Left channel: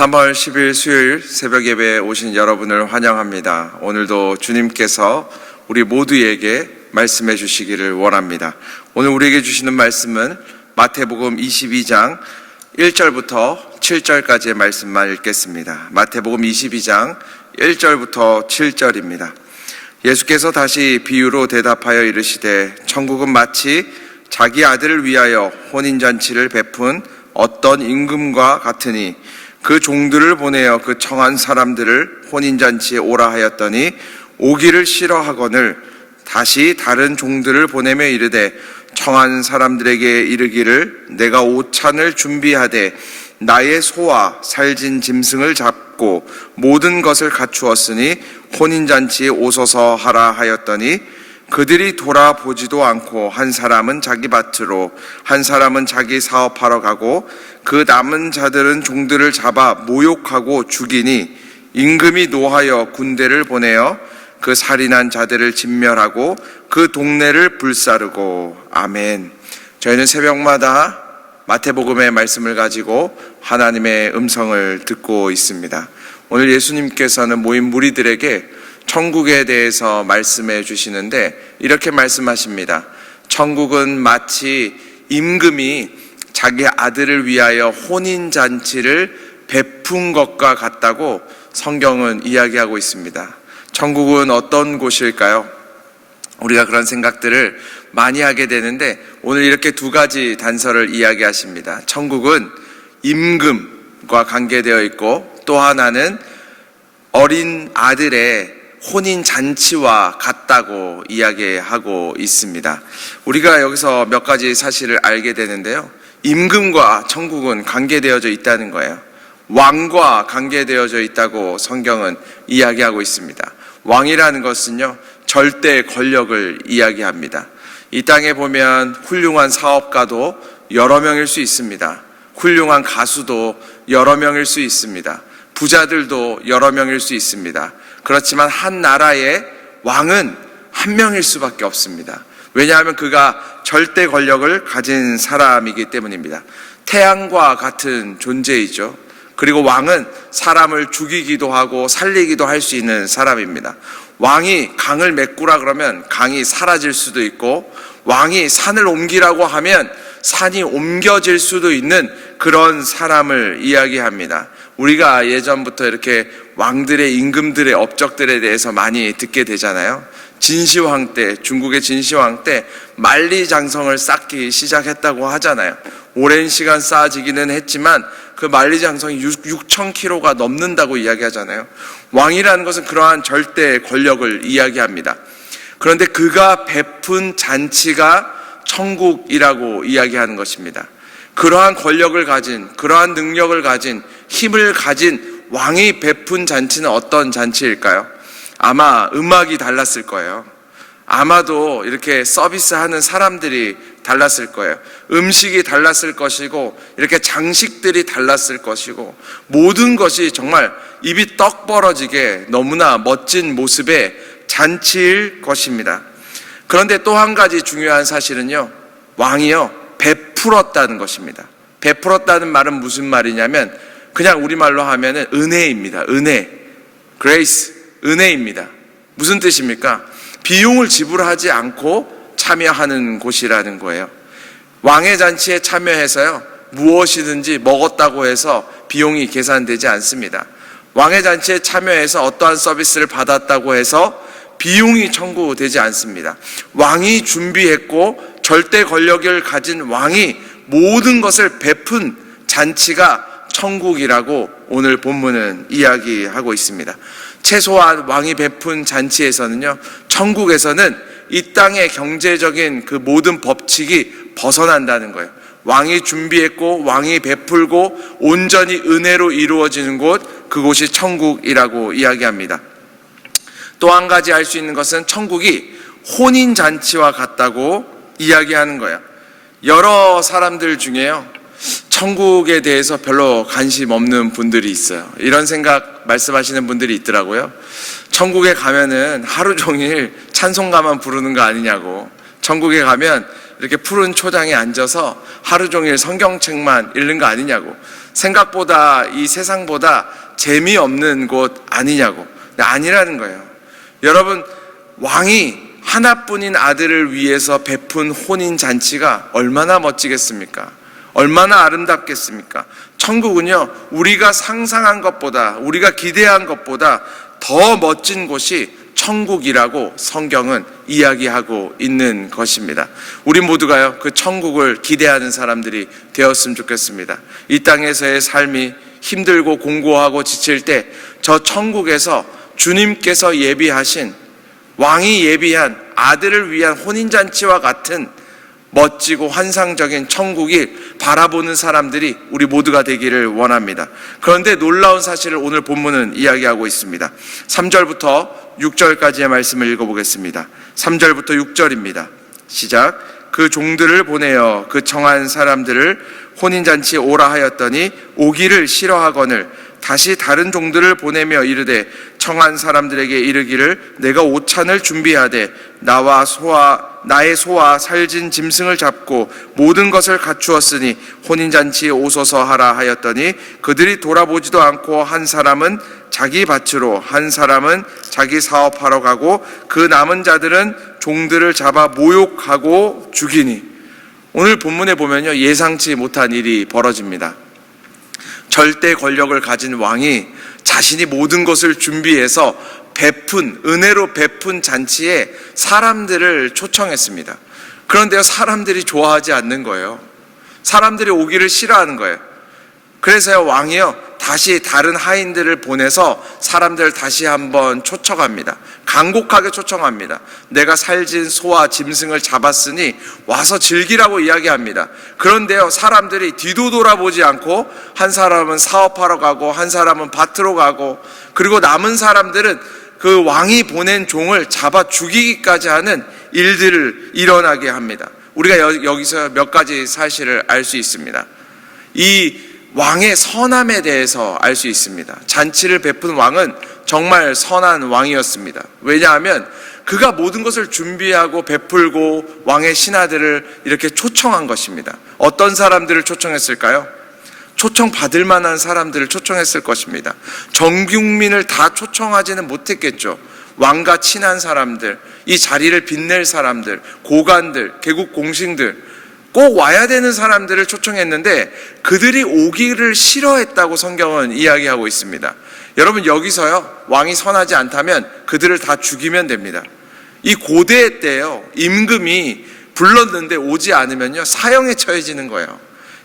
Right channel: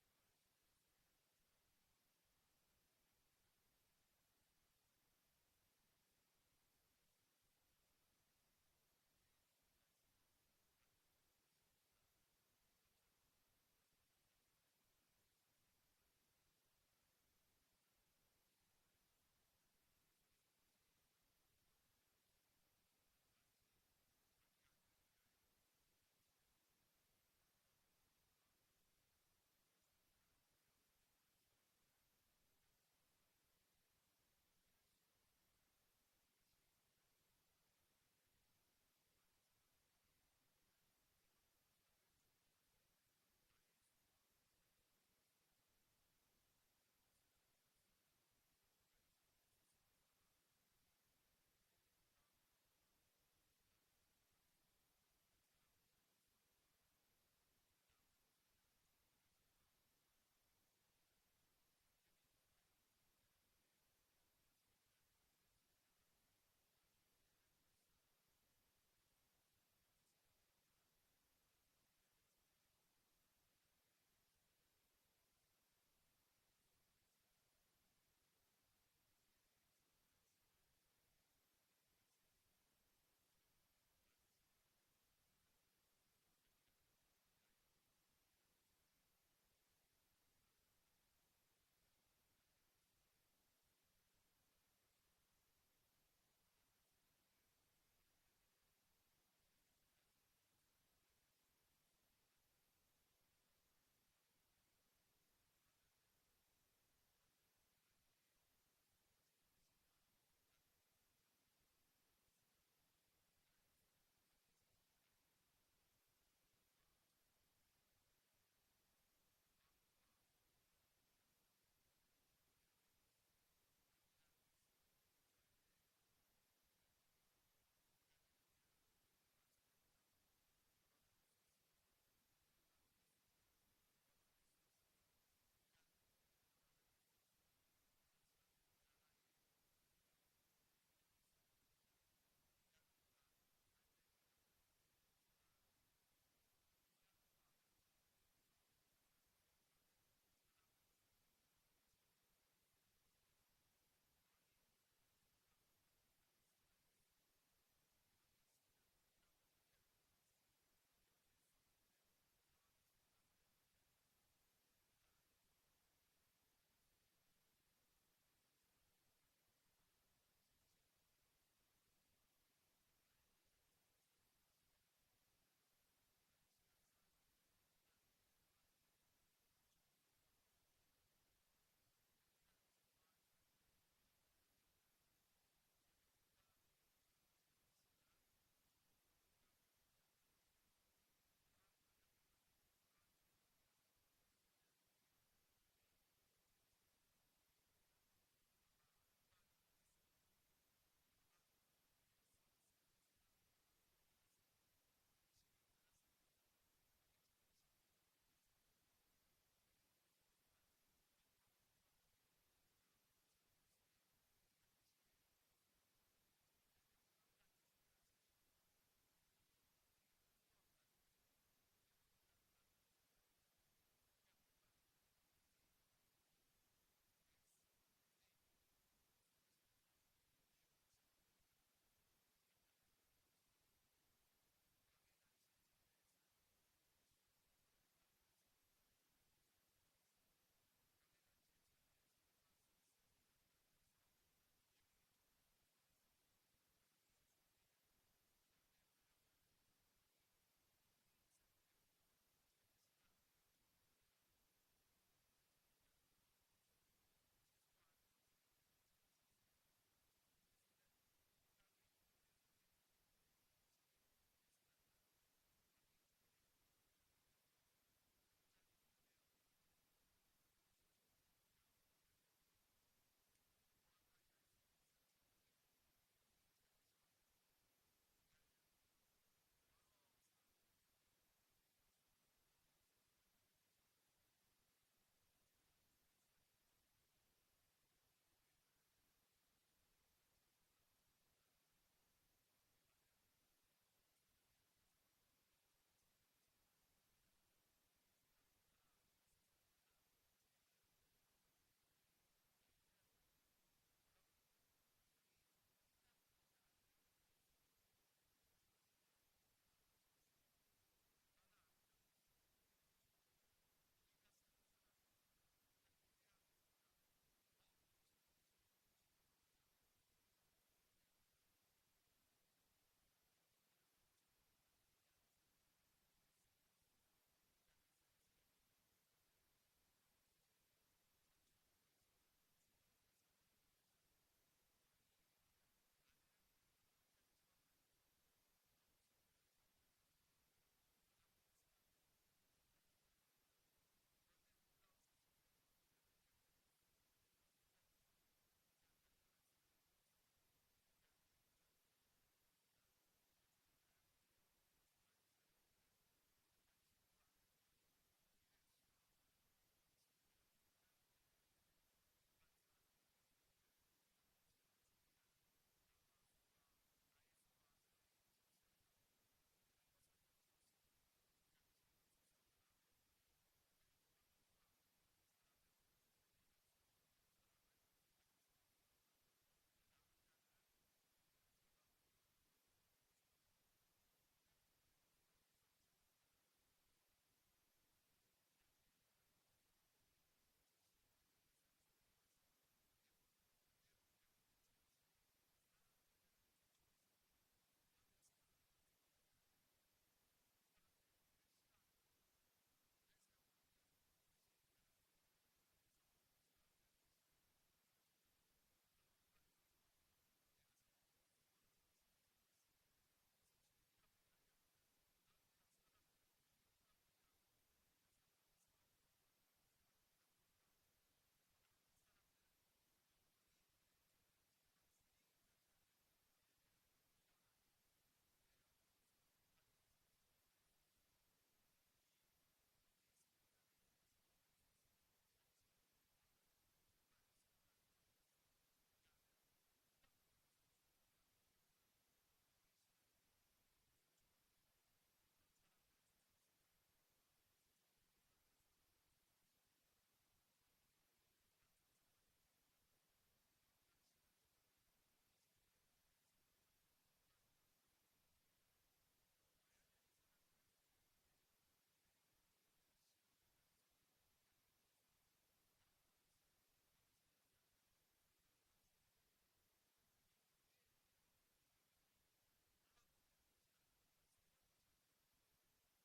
3월 10일 수요일 새벽 예배에 오신 여러분을 환영합니다. 오늘도 주님께서 우리 모두에게 말씀해 주시기를 원합니다. 오늘 우리에게 주시는 말씀은 마태복음 22장 1절부터 7절까지의 말씀만 읽겠습니다. 마태복음 22장 1절부터 7절입니다. 예수께서 다시 비유로 대답하여 이르시되 천국은 마치 자기 아들을 위하여 혼인잔치를 베푼 어떤 임금과 같으니 그 종들을 보내어 그 청한 사람들을 혼인잔치에 오라 하였더니 오기를 싫어하거늘 다시 다른 종들을 보내며 이르되 청한 사람들에게 이르기를 내가 오찬을 준비하되 나의 소와 살진 짐승을 잡고 모든 것을 갖추었으니 혼인잔치에 오소서 하라 하였더니 그들이 돌아보지도 않고 한 사람은 자기 밭으로 한 사람은 자기 사업하러 가고 그 남은 자들은 종들을 잡아 모욕하고 죽이니 임금이 노하여 군대를 보내어 그 살인한 자들을 진멸하고 그 동네를 불사르고. 아멘. 저희는 새벽마다 마태복음의 말씀을 가지고 하나님의 음성을 듣고 있습니다. 오늘 예수님께서는 모인 무리들에게 천국에 대해서 말씀해 주시는데 이렇게 말씀하십니다. 천국은 마치 임금이 자기 아들을 위하여 혼인잔치를 베푼 것과 같다고 성경은 이야기하고 있습니다. 천국은 어떤 곳일까요? 우리가 그런 생각들을 많이 하게 되는데 오늘 이렇게 두 가지 단서를 이야기하십니다. 천국은 임금과 관계되어 있고 또 하나는 어린 아들의 혼인잔치와 같다고 이야기하고 있습니다. 우리가 여기서 몇 가지 사실을 알게 되는데요. 임금과 천국은 관계되어져 있다는 거예요. 왕과 관계되어져 있다고 성경은 이야기하고 있습니다. 왕이라는 것은요, 절대 권력을 이야기합니다. 이 땅에 보면 훌륭한 사업가도 여러 명일 수 있습니다. 훌륭한 가수도 여러 명일 수 있습니다. 부자들도 여러 명일 수 있습니다. 그렇지만 한 나라의 왕은 한 명일 수밖에 없습니다. 왜냐하면 그가 절대 권력을 가진 사람이기 때문입니다. 태양과 같은 존재이죠. 그리고 왕은 사람을 죽이기도 하고 살리기도 할 수 있는 사람입니다. 왕이 강을 메꾸라 그러면 강이 사라질 수도 있고, 왕이 산을 옮기라고 하면 산이 옮겨질 수도 있는 그런 사람을 이야기합니다. 우리가 예전부터 이렇게 왕들의 임금들의 업적들에 대해서 많이 듣게 되잖아요. 진시황 때, 중국의 진시황 때 만리장성을 쌓기 시작했다고 하잖아요. 오랜 시간 쌓아지기는 했지만 그 만리장성이 6,000km가 넘는다고 이야기하잖아요. 왕이라는 것은 그러한 절대 권력을 이야기합니다. 그런데 그가 베푼 잔치가 천국이라고 이야기하는 것입니다. 그러한 권력을 가진, 그러한 능력을 가진, 힘을 가진 왕이 베푼 잔치는 어떤 잔치일까요? 아마 음악이 달랐을 거예요. 아마도 이렇게 서비스하는 사람들이 달랐을 거예요. 음식이 달랐을 것이고, 이렇게 장식들이 달랐을 것이고, 모든 것이 정말 입이 떡 벌어지게 너무나 멋진 모습의 잔치일 것입니다. 그런데 또 한 가지 중요한 사실은요, 왕이요, 베풀었다는 것입니다. 베풀었다는 말은 무슨 말이냐면, 그냥 우리말로 하면은 은혜입니다. 은혜. 그레이스. 은혜입니다. 무슨 뜻입니까? 비용을 지불하지 않고 참여하는 곳이라는 거예요. 왕의 잔치에 참여해서요, 무엇이든지 먹었다고 해서 비용이 계산되지 않습니다. 왕의 잔치에 참여해서 어떠한 서비스를 받았다고 해서 비용이 청구되지 않습니다. 왕이 준비했고 절대 권력을 가진 왕이 모든 것을 베푼 잔치가 천국이라고 오늘 본문은 이야기하고 있습니다. 최소한 왕이 베푼 잔치에서는요, 천국에서는 이 땅의 경제적인 그 모든 법칙이 벗어난다는 거예요. 왕이 준비했고 왕이 베풀고 온전히 은혜로 이루어지는 곳, 그곳이 천국이라고 이야기합니다. 또 한 가지 알 수 있는 것은 천국이 혼인잔치와 같다고 이야기하는 거예요. 여러 사람들 중에요, 천국에 대해서 별로 관심 없는 분들이 있어요. 이런 생각 말씀하시는 분들이 있더라고요. 천국에 가면은 하루 종일 찬송가만 부르는 거 아니냐고. 천국에 가면 이렇게 푸른 초장에 앉아서 하루 종일 성경책만 읽는 거 아니냐고, 생각보다 이 세상보다 재미없는 곳 아니냐고. 근데 아니라는 거예요. 여러분, 왕이 하나뿐인 아들을 위해서 베푼 혼인잔치가 얼마나 멋지겠습니까? 얼마나 아름답겠습니까? 천국은요, 우리가 상상한 것보다, 우리가 기대한 것보다 더 멋진 곳이 천국이라고 성경은 이야기하고 있는 것입니다. 우리 모두가요, 그 천국을 기대하는 사람들이 되었으면 좋겠습니다. 이 땅에서의 삶이 힘들고 공고하고 지칠 때 저 천국에서 주님께서 예비하신, 왕이 예비한 아들을 위한 혼인잔치와 같은 멋지고 환상적인 천국이 바라보는 사람들이 우리 모두가 되기를 원합니다. 그런데 놀라운 사실을 오늘 본문은 이야기하고 있습니다. 3절부터 6절까지의 말씀을 읽어보겠습니다. 3절부터 6절입니다. 시작. 그 종들을 보내어 그 청한 사람들을 혼인잔치에 오라 하였더니 오기를 싫어하거늘 다시 다른 종들을 보내며 이르되 청한 사람들에게 이르기를 내가 오찬을 준비하되 나의 소와 살진 짐승을 잡고 모든 것을 갖추었으니 혼인잔치에 오소서 하라 하였더니 그들이 돌아보지도 않고 한 사람은 자기 밭으로 한 사람은 자기 사업하러 가고 그 남은 자들은 종들을 잡아 모욕하고 죽이니. 오늘 본문에 보면요, 예상치 못한 일이 벌어집니다. 절대 권력을 가진 왕이 자신이 모든 것을 준비해서 은혜로 베푼 잔치에 사람들을 초청했습니다. 그런데요, 사람들이 좋아하지 않는 거예요. 사람들이 오기를 싫어하는 거예요. 그래서요, 왕이요, 다시 다른 하인들을 보내서 사람들을 다시 한번 초청합니다. 간곡하게 초청합니다. 내가 살진 소와 짐승을 잡았으니 와서 즐기라고 이야기합니다. 그런데요, 사람들이 뒤도 돌아보지 않고 한 사람은 사업하러 가고 한 사람은 밭으로 가고, 그리고 남은 사람들은 그 왕이 보낸 종을 잡아 죽이기까지 하는 일들을 일어나게 합니다. 우리가 여기서 몇 가지 사실을 알 수 있습니다. 이 왕의 선함에 대해서 알 수 있습니다. 잔치를 베푼 왕은 정말 선한 왕이었습니다. 왜냐하면 그가 모든 것을 준비하고 베풀고 왕의 신하들을 이렇게 초청한 것입니다. 어떤 사람들을 초청했을까요? 초청받을 만한 사람들을 초청했을 것입니다. 전 국민을 다 초청하지는 못했겠죠. 왕과 친한 사람들, 이 자리를 빛낼 사람들, 고관들, 개국 공신들, 꼭 와야 되는 사람들을 초청했는데 그들이 오기를 싫어했다고 성경은 이야기하고 있습니다. 여러분, 여기서요, 왕이 선하지 않다면 그들을 다 죽이면 됩니다. 이 고대 때요, 임금이 불렀는데 오지 않으면요, 사형에 처해지는 거예요.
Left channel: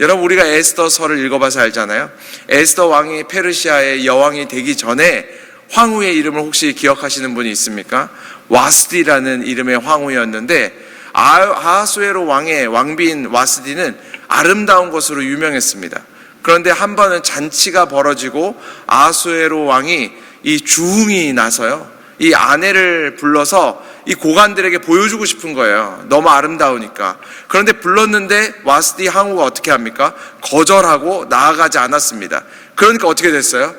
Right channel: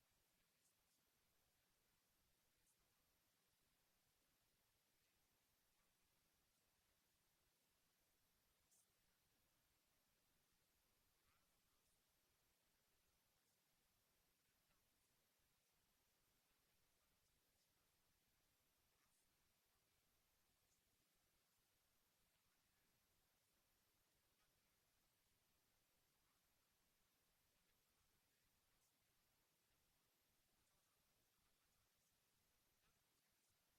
여러분, 우리가 에스더서를 읽어봐서 알잖아요. 에스더 왕이 페르시아의 여왕이 되기 전에 황후의 이름을 혹시 기억하시는 분이 있습니까? 와스디라는 이름의 황후였는데 아하수에로 왕의 왕비인 와스디는 아름다운 것으로 유명했습니다. 그런데 한 번은 잔치가 벌어지고 아하수에로 왕이 이 주흥이 나서요, 이 아내를 불러서 이 고관들에게 보여주고 싶은 거예요. 너무 아름다우니까. 그런데 불렀는데 와스디 황후가 어떻게 합니까? 거절하고 나아가지 않았습니다. 그러니까 어떻게 됐어요?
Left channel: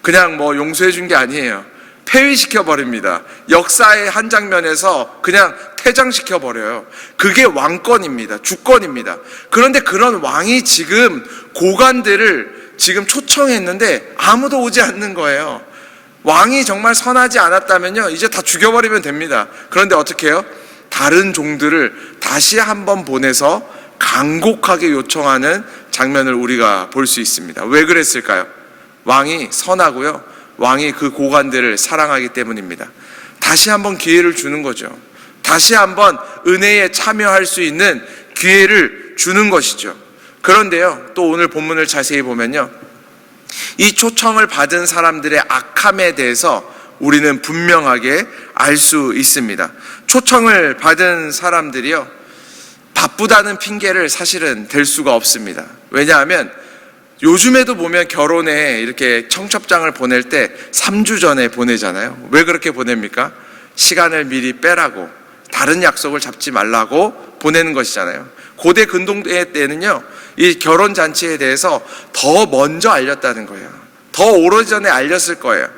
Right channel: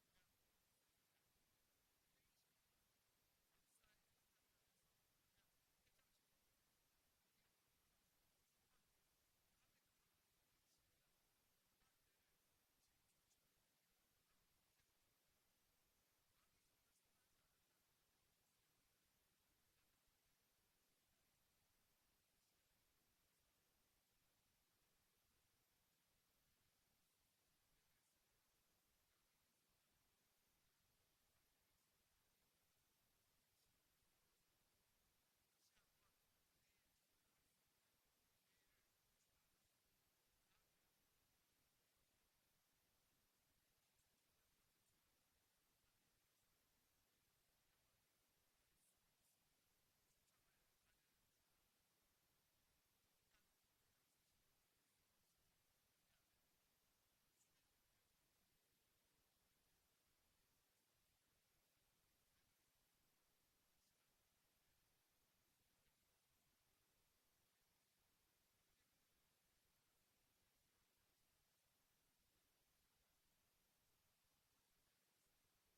그냥 용서해 준 게 아니에요. 폐위시켜 버립니다. 역사의 한 장면에서 그냥 퇴장시켜 버려요. 그게 왕권입니다. 주권입니다. 그런데 그런 왕이 지금 고관들을 지금 초청했는데 아무도 오지 않는 거예요. 왕이 정말 선하지 않았다면요, 이제 다 죽여버리면 됩니다. 그런데 어떻게 해요? 다른 종들을 다시 한번 보내서 간곡하게 요청하는 장면을 우리가 볼 수 있습니다. 왜 그랬을까요? 왕이 선하고요, 왕이 그 고관들을 사랑하기 때문입니다. 다시 한번 기회를 주는 거죠. 다시 한번 은혜에 참여할 수 있는 기회를 주는 것이죠. 그런데요, 또 오늘 본문을 자세히 보면요, 이 초청을 받은 사람들의 악함에 대해서 우리는 분명하게 알 수 있습니다. 초청을 받은 사람들이요, 바쁘다는 핑계를 사실은 댈 수가 없습니다. 왜냐하면 요즘에도 보면 결혼에 이렇게 청첩장을 보낼 때 3주 전에 보내잖아요. 왜 그렇게 보냅니까? 시간을 미리 빼라고, 다른 약속을 잡지 말라고 보내는 것이잖아요. 고대 근동대 때는요, 이 결혼 잔치에 대해서 더 먼저 알렸다는 거예요. 더 오래전에 알렸을 거예요.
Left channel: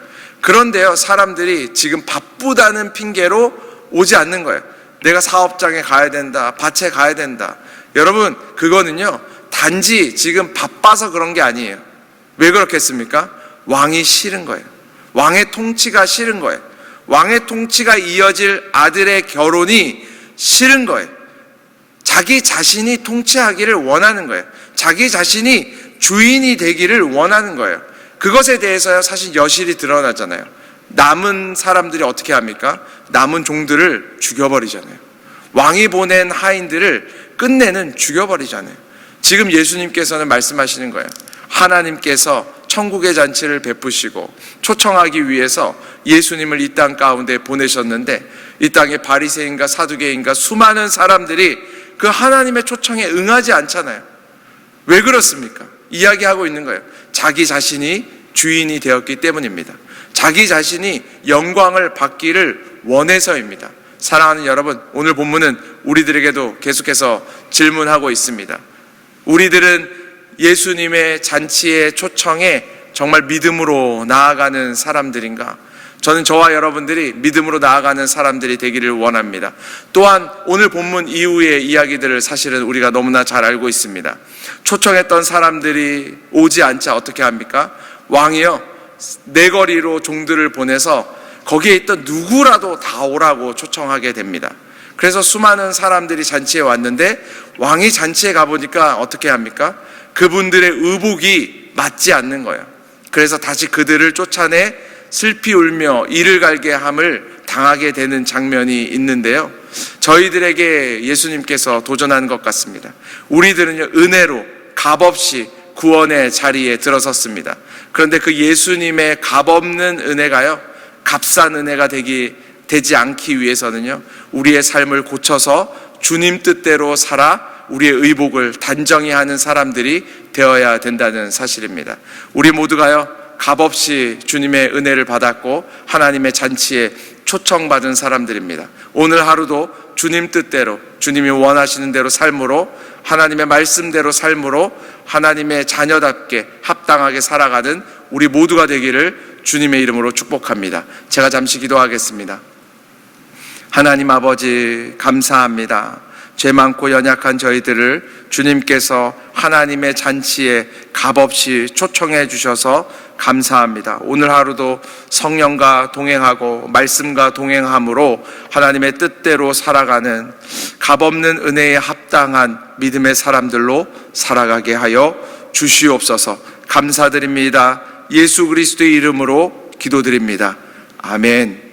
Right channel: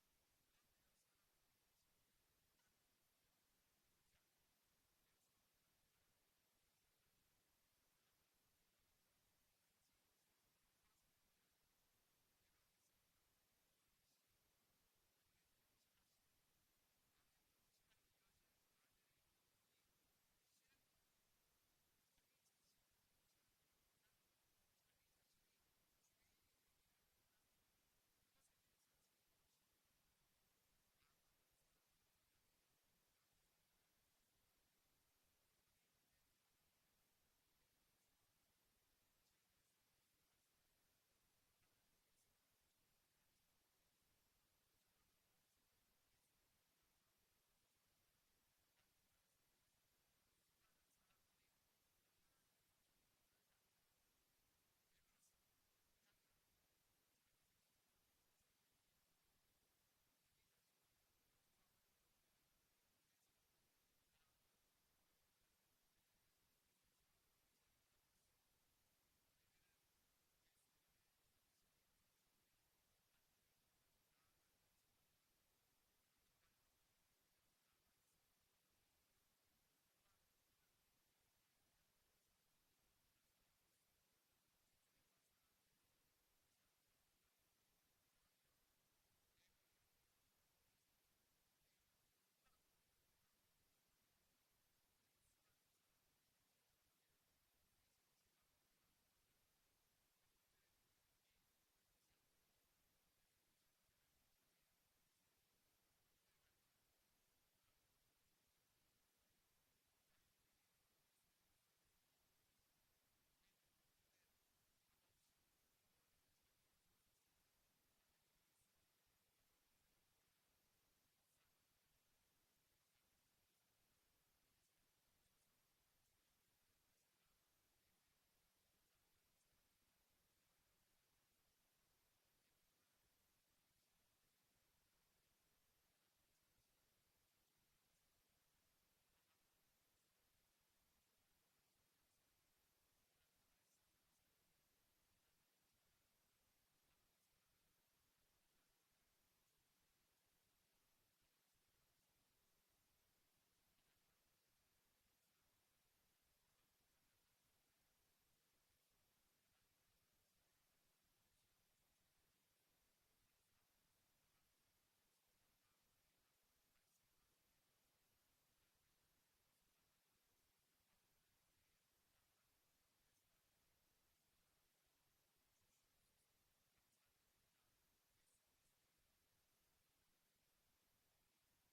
그런데요, 사람들이 지금 바쁘다는 핑계로 오지 않는 거예요. 내가 사업장에 가야 된다, 밭에 가야 된다. 여러분, 그거는요, 단지 지금 바빠서 그런 게 아니에요. 왜 그렇겠습니까? 왕이 싫은 거예요. 왕의 통치가 싫은 거예요. 왕의 통치가 이어질 아들의 결혼이 싫은 거예요. 자기 자신이 통치하기를 원하는 거예요. 자기 자신이 주인이 되기를 원하는 거예요. 그것에 대해서요, 사실 여실히 드러나잖아요. 남은 사람들이 어떻게 합니까? 남은 종들을 죽여버리잖아요. 왕이 보낸 하인들을 끝내는 죽여버리잖아요. 지금 예수님께서는 말씀하시는 거예요. 하나님께서 천국의 잔치를 베푸시고 초청하기 위해서 예수님을 이 땅 가운데 보내셨는데, 이 땅에 바리새인과 사두개인과 수많은 사람들이 그 하나님의 초청에 응하지 않잖아요. 왜 그렇습니까? 이야기하고 있는 거예요. 자기 자신이 주인이 되었기 때문입니다. 자기 자신이 영광을 받기를 원해서입니다. 사랑하는 여러분, 오늘 본문은 우리들에게도 계속해서 질문하고 있습니다. 우리들은 예수님의 잔치의 초청에 정말 믿음으로 나아가는 사람들인가? 저는 저와 여러분들이 믿음으로 나아가는 사람들이 되기를 원합니다. 또한 오늘 본문 이후의 이야기들을 사실은 우리가 너무나 잘 알고 있습니다. 초청했던 사람들이 오지 않자 어떻게 합니까? 왕이요, 내거리로 종들을 보내서 거기에 있던 누구라도 다 오라고 초청하게 됩니다. 그래서 수많은 사람들이 잔치에 왔는데, 왕이 잔치에 가보니까 어떻게 합니까? 그분들의 의복이 맞지 않는 거예요. 그래서 다시 그들을 쫓아내 슬피 울며 이를 갈게 함을 당하게 되는 장면이 있는데요, 저희들에게 예수님께서 도전하는 것 같습니다. 우리들은요, 은혜로 값없이 구원의 자리에 들어섰습니다. 그런데 그 예수님의 값없는 은혜가요, 값싼 은혜가 되지 않기 위해서는요, 우리의 삶을 고쳐서 주님 뜻대로 살아 우리의 의복을 단정히 하는 사람들이 되어야 된다는 사실입니다. 우리 모두가요, 값없이 주님의 은혜를 받았고 하나님의 잔치에 초청받은 사람들입니다. 오늘 하루도 주님 뜻대로, 주님이 원하시는 대로 삶으로, 하나님의 말씀대로 삶으로 하나님의 자녀답게 합당하게 살아가는 우리 모두가 되기를 주님의 이름으로 축복합니다. 제가 잠시 기도하겠습니다. 하나님 아버지, 감사합니다. 죄 많고 연약한 저희들을 주님께서 하나님의 잔치에 값없이 초청해 주셔서 감사합니다. 오늘 하루도 성령과 동행하고 말씀과 동행함으로 하나님의 뜻대로 살아가는 값없는 은혜에 합당한 믿음의 사람들로 살아가게 하여 주시옵소서. 감사드립니다. 예수 그리스도의 이름으로 기도드립니다. 아멘.